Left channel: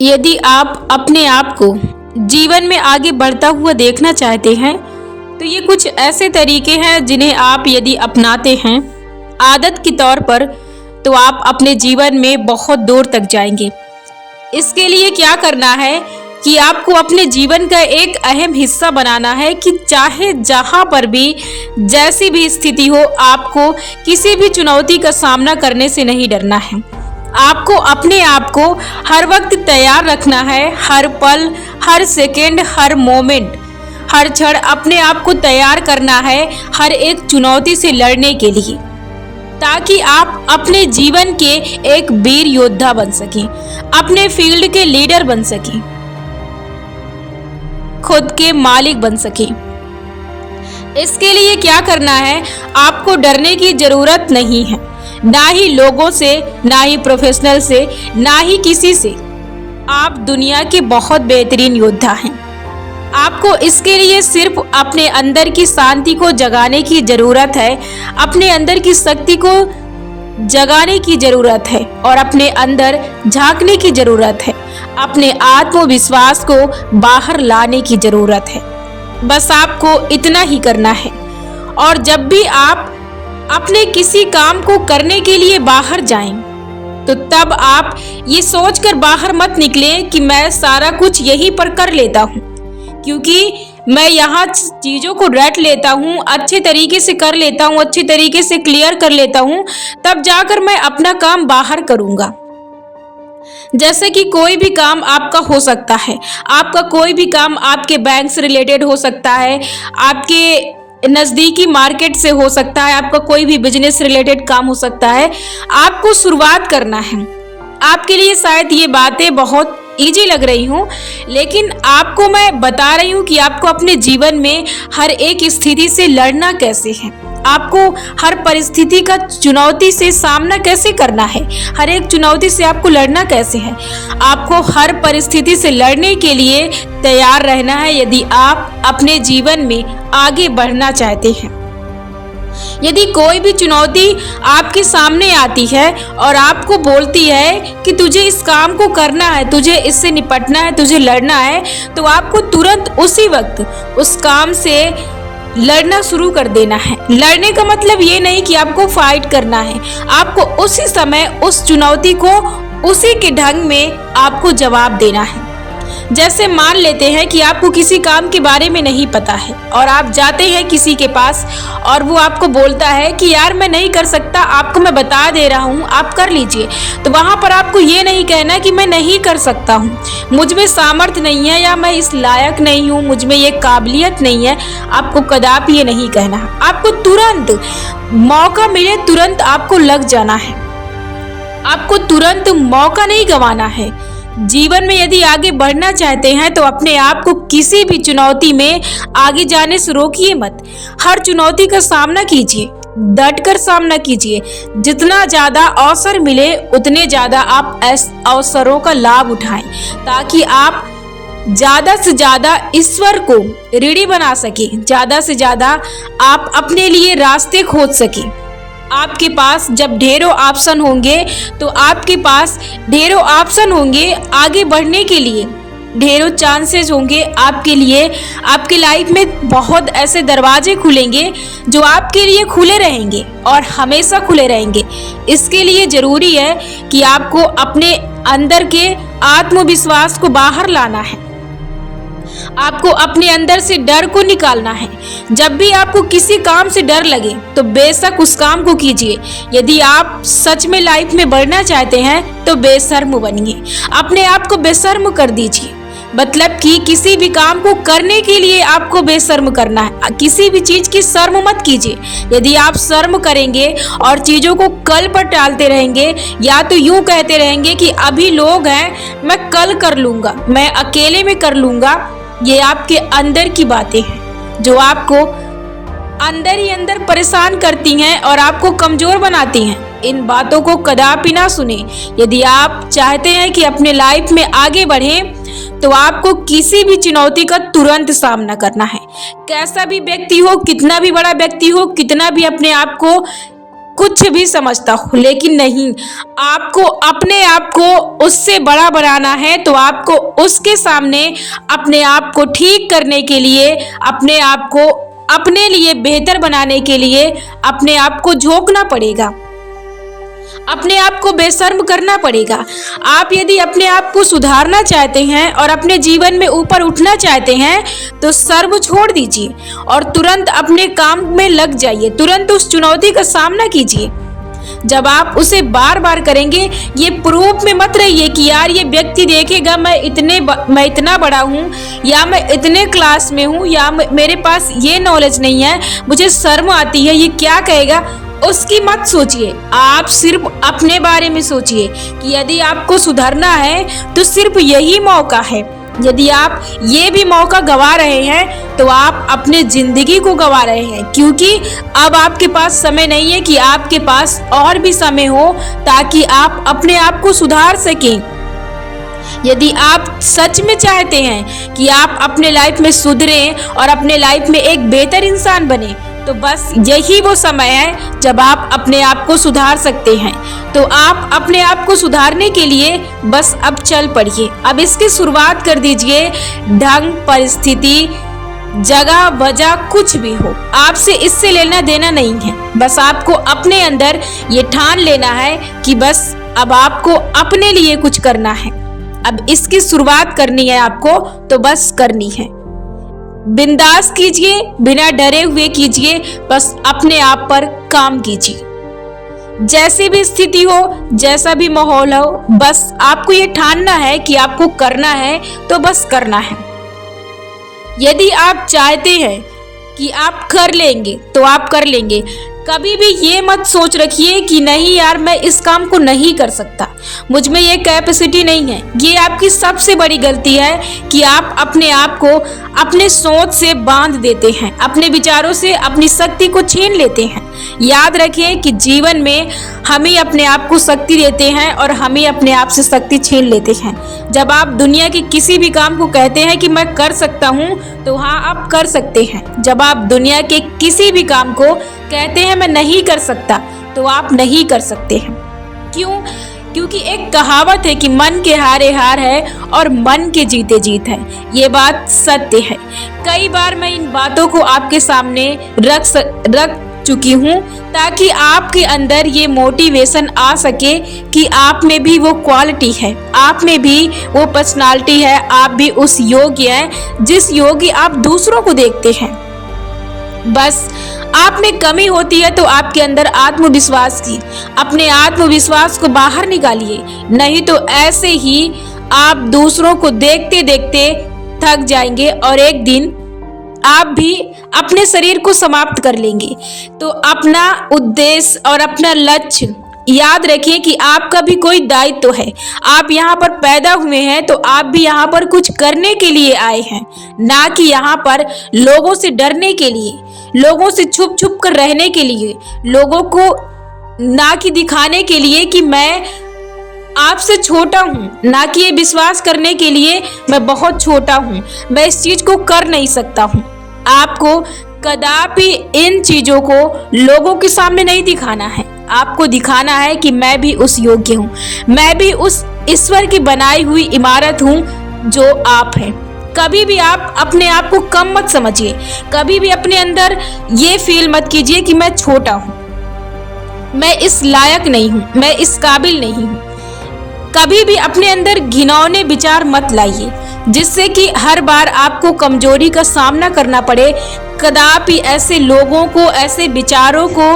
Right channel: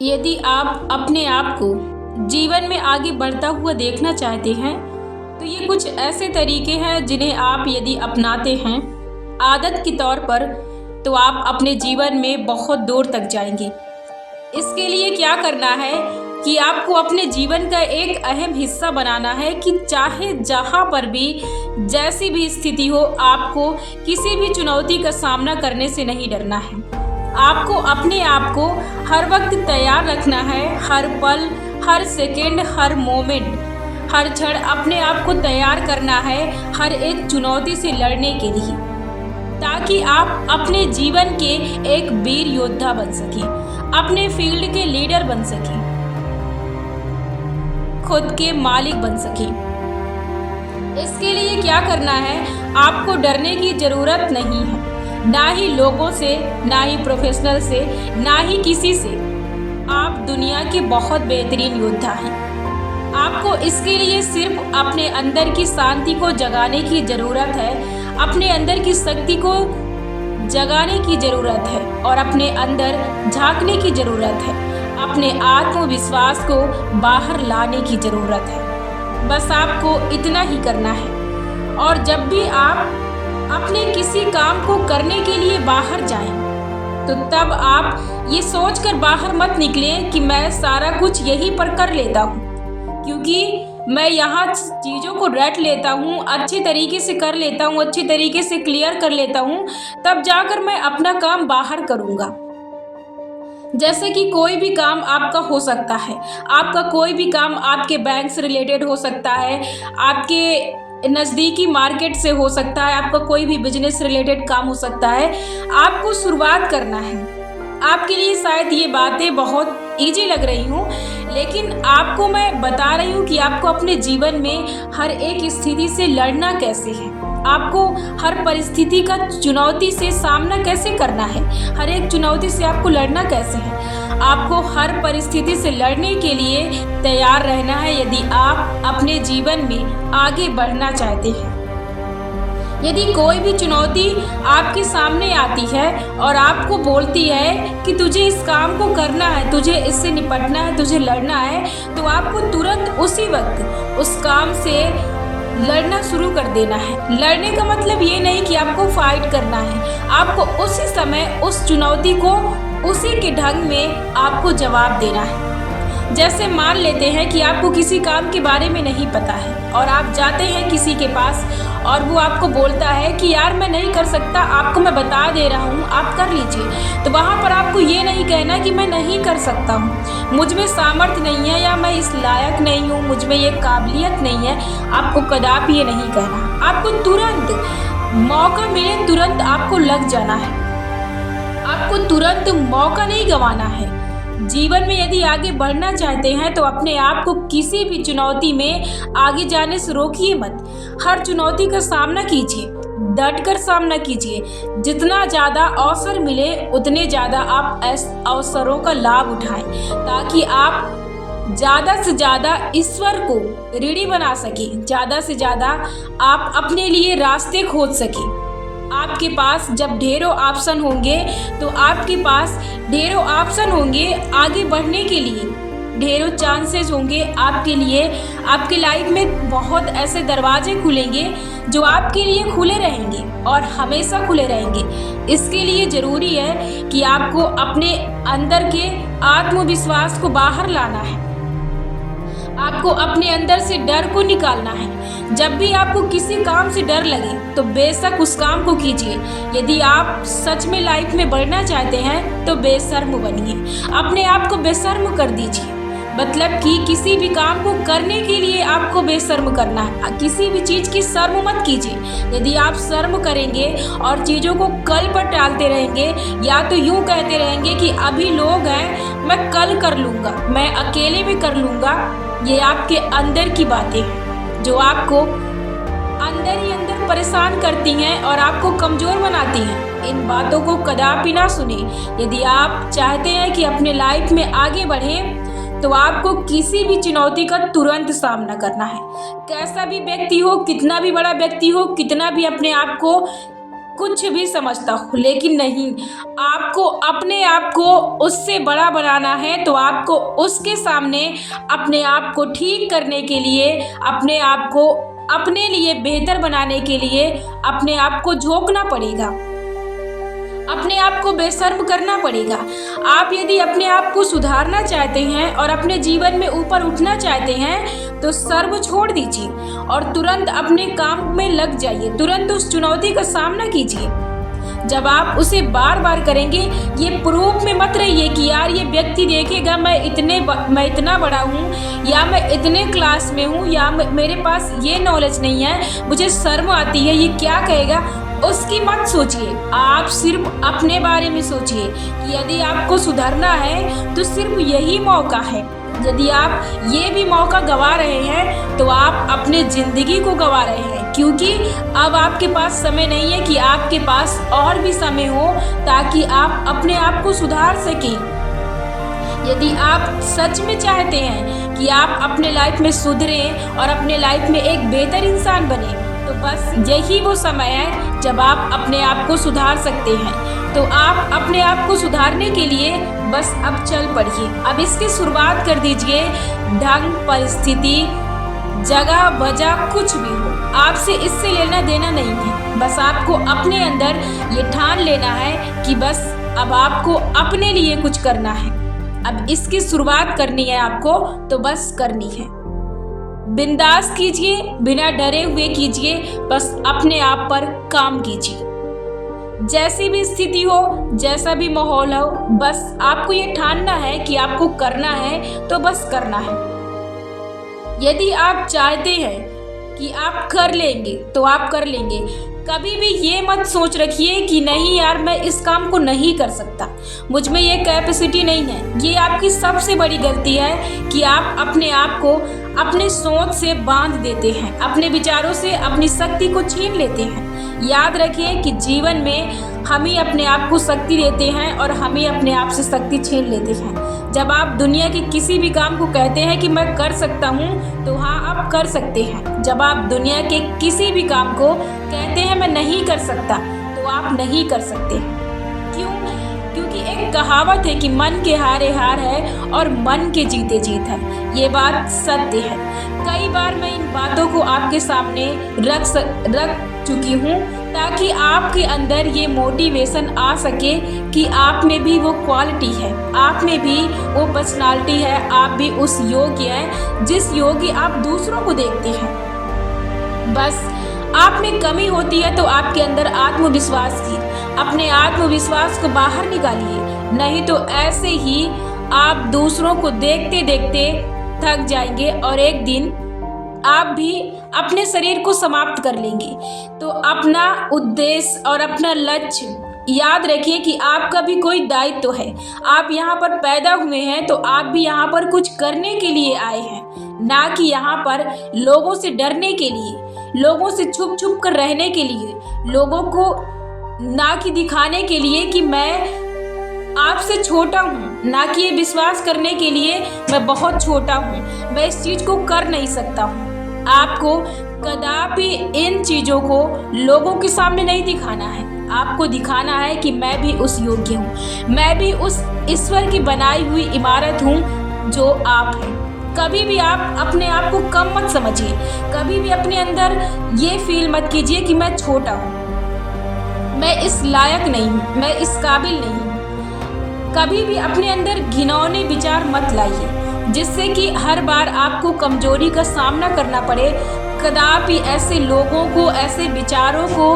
यदि आप अपने आप को जीवन में आगे बढ़ता हुआ देखना चाहते हैं तो ये कुछ ऐसे तरीके हैं जिन्हें आप यदि अपनाते हैं आदत के तौर पर तो आप अपने जीवन में बहुत दूर तक जाएंगे। इसके लिए क्या करना है कि आपको अपने जीवन का एक अहम हिस्सा बनाना है कि चाहे जहां पर भी जैसी भी स्थिति हो आपको किसी भी चुनौती का सामना करने से नहीं डरना है। आपको अपने आप को हर वक्त तैयार रखना है, हर पल, हर सेकंड, हर मोमेंट, हर क्षण अपने आप को तैयार करना है हर एक चुनौती से लड़ने के लिए, ताकि आप अपने जीवन के एक वीर योद्धा बन सकें, अपने फील्ड के लीडर बन सकें, खुद के मालिक बन सकें। इसके लिए क्या करना है, आपको डरने की जरूरत नहीं है, ना ही लोगों से, ना ही प्रोफेशनल से, ना ही किसी से। आप दुनिया के बहुत बेहतरीन योद्धा हैं। आपको इसके लिए सिर्फ अपने अंदर की शांति को जगाने की जरूरत है, अपने अंदर की शक्ति को जगाने की जरूरत है और अपने अंदर झांकने की जरूरत है, अपने आत्मविश्वास को बाहर लाने की जरूरत है। बस आपको इतना ही करना है। और जब भी आप अपने किसी काम को करने के लिए बाहर जाएं, तो तब आप ये सोचकर बाहर मत निकलें कि मैं सारा कुछ यहीं पर कर लेता हूँ, क्योंकि मैं यहाँ चीज़ों को रट लेता हूँ, अच्छे तरीके से कर लेता हूँ, अच्छे तरीके से क्लियर कर लेता हूँ, तब जाकर मैं अपना काम बाहर करूँगा। जैसे कि कोई भी काम आपका हो सकता है, आपका कोई भी काम आपके बैंक से रिलेटेड हो सकता है, आपके नज़दीकी मार्केट से हो सकता है, आपका कोई भी बिजनेस रिलेटेड काम हो सकता है। आपको शुरुआत करना है। आपके लिए शायद ये बातें बहुत इजी लग रही हूँ, लेकिन आपको मैं बता रही हूँ कि आपको अपने जीवन में हर एक स्थिति से लड़ना कैसे है, आपको हर परिस्थिति का चुनौती से सामना कैसे करना है, हर एक चुनौती से आपको लड़ना कैसे है। आपको हर परिस्थिति से लड़ने के लिए तैयार रहना है यदि आप अपने जीवन में आगे बढ़ना चाहते हैं। यदि कोई भी चुनौती आपके सामने आती है और आपको बोलती है कि तुझे इस काम को करना है, तुझे इससे निपटना है, तुझे लड़ना है, तो आपको तुरंत उसी वक्त उस काम से लड़ना शुरू कर देना है। लड़ने का मतलब ये नहीं कि आपको फाइट करना है, आपको उसी समय उस चुनौती को उसी के ढंग में आपको जवाब देना है। जैसे मान लेते हैं कि आपको किसी काम के बारे में नहीं पता है और आप जाते हैं किसी के पास और वो आपको बोलता है कि यार मैं नहीं कर सकता, आपको मैं बता दे रहा हूँ, आप कर लीजिए। तो वहाँ पर आपको ये नहीं कहना कि मैं नहीं कर सकता हूँ, मुझ में सामर्थ्य नहीं है, या मैं इस लायक नहीं हूँ, मुझ में ये काबिलियत नहीं है। आपको कदापि ये नहीं कहना। आपको तुरंत मौका मिले तुरंत आपको लग जाना है, आपको तुरंत मौका नहीं गंवाना है। जीवन में यदि आगे बढ़ना चाहते हैं तो अपने आप को किसी भी चुनौती में आगे जाने से रोकिए मत। हर चुनौती का सामना कीजिए, डट कर सामना कीजिए। जितना ज्यादा अवसर मिले उतने ज्यादा आप अवसरों का लाभ उठाएं, ताकि आप ज्यादा से ज्यादा ईश्वर को ऋणी बना सके, ज्यादा से ज्यादा आप अपने लिए रास्ते खोज सके। आपके पास जब ढेरों ऑप्शन होंगे तो आपके पास ढेरों ऑप्शन होंगे आगे बढ़ने के लिए, ढेरों चांसेस होंगे आपके लिए। आपके लाइफ में बहुत ऐसे दरवाजे खुलेंगे जो आपके लिए खुले रहेंगे और हमेशा खुले रहेंगे। इसके लिए जरूरी है कि आपको अपने अंदर के आत्मविश्वास को बाहर लाना है, आपको अपने अंदर से डर को निकालना है। जब भी आपको किसी काम से डर लगे तो बेशक उस काम को कीजिए। यदि आप सच में लाइफ में बढ़ना चाहते हैं तो बेशर्म बनिए, अपने आप को बेशर्म कर दीजिए। मतलब कि किसी भी काम को करने के लिए आपको बेशर्म करना है, किसी भी चीज की शर्म मत कीजिए। यदि आप शर्म करेंगे और चीजों को कल पर टालते रहेंगे, या तो यूं कहते रहेंगे कि अभी लोग हैं, मैं कल कर लूंगा, मैं अकेले में कर लूंगा, ये आपके अंदर की बातें हैं जो आपको अंदर ही अंदर परेशान करती हैं और आपको कमजोर बनाती हैं। इन बातों को कदापि ना सुने। यदि आप चाहते हैं कि अपने लाइफ में आगे बढ़ें तो आपको किसी भी चुनौती का तुरंत सामना करना है। कैसा भी व्यक्ति हो, कितना भी बड़ा व्यक्ति हो, कितना भी अपने आप को कुछ भी समझता हूँ, लेकिन नहीं, आपको अपने आप को उससे बड़ा बनाना है तो आपको उसके सामने अपने आप को ठीक करने के लिए, अपने आप को अपने लिए बेहतर बनाने के लिए अपने आप को झोंकना पड़ेगा, अपने आप को बेशर्म करना पड़ेगा। आप यदि अपने आप को सुधारना चाहते हैं और अपने जीवन में ऊपर उठना चाहते हैं तो शर्म छोड़ दीजिए और तुरंत अपने काम में लग जाइए, तुरंत उस चुनौती का सामना कीजिए। जब आप उसे बार बार करेंगे, ये प्रूफ में मत रहिए कि यार ये व्यक्ति देखेगा मैं इतना बड़ा हूँ, या मैं इतने क्लास में हूँ, या मेरे पास ये नॉलेज नहीं है, मुझे शर्म आती है, ये क्या कहेगा। उसकी मत सोचिए, आप सिर्फ अपने बारे में सोचिए कि यदि आपको सुधरना है तो सिर्फ यही मौका है। यदि आप ये भी मौका गवा रहे हैं तो आप अपने जिंदगी को गवा रहे हैं, क्योंकि अब आपके पास समय नहीं है कि आपके पास और भी समय हो ताकि आप अपने आप को सुधार सकें। यदि आप सच में चाहते हैं कि आप अपने लाइफ में सुधरें और अपने लाइफ में एक बेहतर इंसान बने, तो बस यही वो समय है जब आप अपने आप को सुधार सकते हैं। तो आप अपने आप को सुधारने के लिए बस अब चल पड़िए, अब इसकी शुरुआत कर दीजिए। ढंग, परिस्थिति, जगह, वजह कुछ भी हो, आपसे इससे लेना देना नहीं है। बस आपको अपने अंदर ये ठान लेना है कि बस अब आपको अपने लिए कुछ करना है, अब इसकी शुरुआत करनी है आपको, तो बस करनी है। बिंदास कीजिए, बिना डरे हुए कीजिए, बस अपने आप पर काम कीजिए। जैसी भी स्थिति हो, जैसा भी माहौल हो, बस आपको ये ठानना है कि आपको करना है तो बस करना है। यदि आप चाहते हैं कि आप कर लेंगे तो आप कर लेंगे। कभी भी ये मत सोच रखिए कि नहीं यार मैं इस काम को नहीं कर सकता, मुझ में ये कैपेसिटी नहीं है। ये आपकी सबसे बड़ी गलती है कि आप अपने आप को अपने सोच से बांध देते हैं, अपने विचारों से अपनी शक्ति को छीन लेते हैं। याद रखिए कि जीवन में हम ही अपने आप को शक्ति देते हैं और हम ही अपने आप से शक्ति छीन लेते हैं। जब आप दुनिया के किसी भी काम को कहते हैं कि मैं कर सकता हूँ, तो हाँ आप कर सकते हैं। जब आप दुनिया के किसी भी काम को कहते हैं मैं नहीं कर सकता, तो आप नहीं कर सकते हैं। क्यों? क्योंकि एक कहावत है कि मन के हारे हार है और मन के जीते जीत है। ये बात सत्य है। कई बार मैं इन बातों को आपके सामने रख चुकी हूँ ताकि आपके अंदर ये मोटिवेशन आ सके कि आप में भी वो क्वालिटी है, आप में भी वो पर्सनालिटी है, आप भी उस योग्य हैं जिस योग्य आप दूसरों को देखते हैं। बस आप में कमी होती है तो आपके अंदर आत्मविश्वास की, अपने आत्मविश्वास को बाहर निकालिए, नहीं तो ऐसे ही आप दूसरों को देखते देखते थक जाएंगे और एक दिन आप भी अपने शरीर को समाप्त कर लेंगे। तो अपना उद्देश्य और अपना लक्ष्य याद रखिए कि आपका भी कोई दायित्व है। आप यहाँ पर पैदा हुए हैं तो आप भी यहाँ पर कुछ करने के लिए आए हैं, ना कि यहाँ पर लोगों से डरने के लिए, लोगों से छुप छुप कर रहने के लिए, लोगों को ना कि दिखाने के लिए कि मैं आपसे छोटा हूँ, ना कि ये विश्वास करने के लिए मैं बहुत छोटा हूँ, मैं इस चीज को कर नहीं सकता हूँ। आपको कदापि इन चीजों को लोगों के सामने नहीं दिखाना है। आपको दिखाना है कि मैं भी उस योग्य हूँ, मैं भी उस ईश्वर की बनाई हुई इमारत हूँ जो आप हैं। कभी भी आप अपने आप को कम मत समझिए, कभी भी अपने अंदर ये फील मत कीजिए कि मैं छोटा हूँ, मैं इस लायक नहीं हूँ, मैं इस काबिल नहीं हूँ। कभी भी अपने अंदर घिनौने विचार मत लाइए जिससे कि हर बार आपको कमजोरी का सामना करना पड़े। कदापि ऐसे लोगों को, ऐसे विचारों को,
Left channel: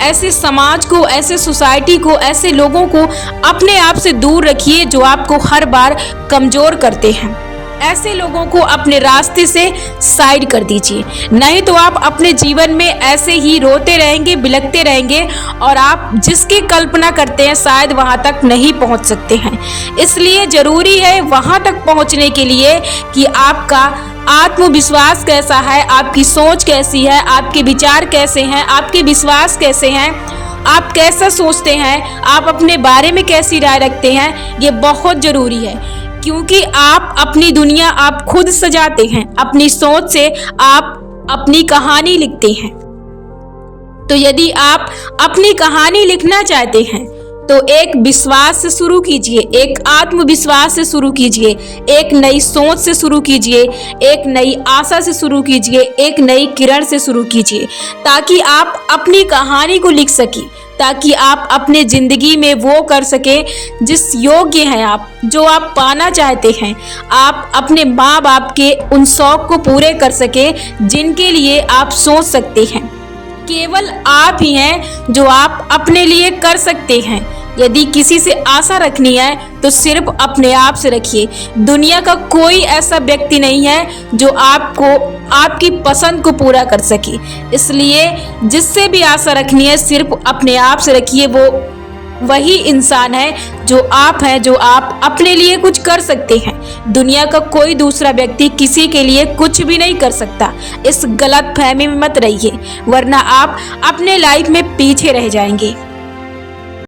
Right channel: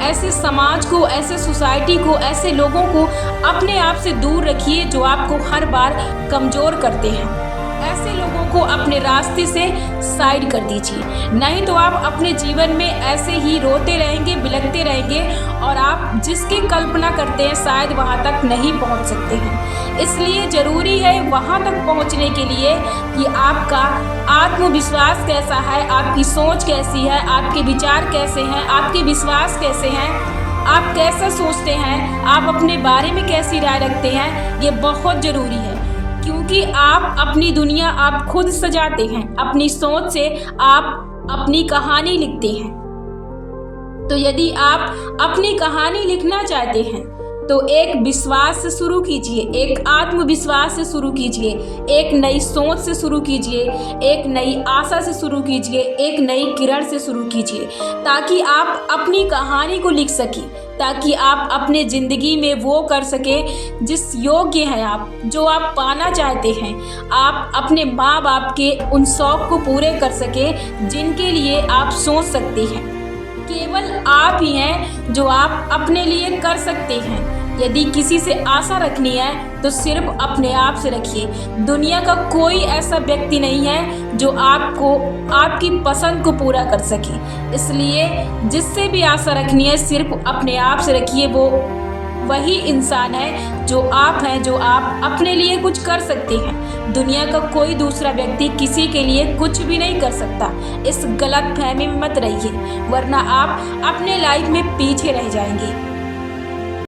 ऐसे समाज को, ऐसे सोसाइटी को, ऐसे लोगों को अपने आप से दूर रखिए जो आपको हर बार कमजोर करते हैं। ऐसे लोगों को अपने रास्ते से साइड कर दीजिए, नहीं तो आप अपने जीवन में ऐसे ही रोते रहेंगे, बिलखते रहेंगे और आप जिसकी कल्पना करते हैं शायद वहां तक नहीं पहुंच सकते हैं। इसलिए जरूरी है वहां तक पहुंचने के लिए कि आपका आत्मविश्वास कैसा है, आपकी सोच कैसी है, आपके विचार कैसे हैं, आपके विश्वास कैसे हैं, आप कैसा सोचते हैं, आप अपने बारे में कैसी राय रखते हैं, ये बहुत जरूरी है। क्योंकि आप अपनी दुनिया आप खुद सजाते हैं, अपनी सोच से आप अपनी कहानी लिखते हैं। तो यदि आप अपनी कहानी लिखना चाहते हैं तो एक विश्वास से शुरू कीजिए, एक आत्मविश्वास से शुरू कीजिए, एक नई सोच से शुरू कीजिए, एक नई आशा से शुरू कीजिए, एक नई किरण से शुरू कीजिए, ताकि आप अपनी कहानी को लिख सकें, ताकि आप अपने ज़िंदगी में वो कर सकें जिस योग्य हैं आप, जो आप पाना चाहते हैं। आप अपने माँ बाप के उन शौक़ को पूरे कर सकें जिनके लिए आप सोच सकते हैं। केवल आप ही हैं जो आप अपने लिए कर सकते हैं। यदि किसी से आशा रखनी है तो सिर्फ अपने आप से रखिए। दुनिया का कोई ऐसा व्यक्ति नहीं है जो आपको आपकी पसंद को पूरा कर सके। इसलिए जिससे भी आशा रखनी है सिर्फ अपने आप से रखिए। वो वही इंसान है जो आप हैं, जो आप अपने लिए कुछ कर सकते हैं। दुनिया का कोई दूसरा व्यक्ति किसी के लिए कुछ भी नहीं कर सकता। इस गलत फहमी में मत रहिए, वरना आप अपने लाइफ में पीछे रह जाएंगे।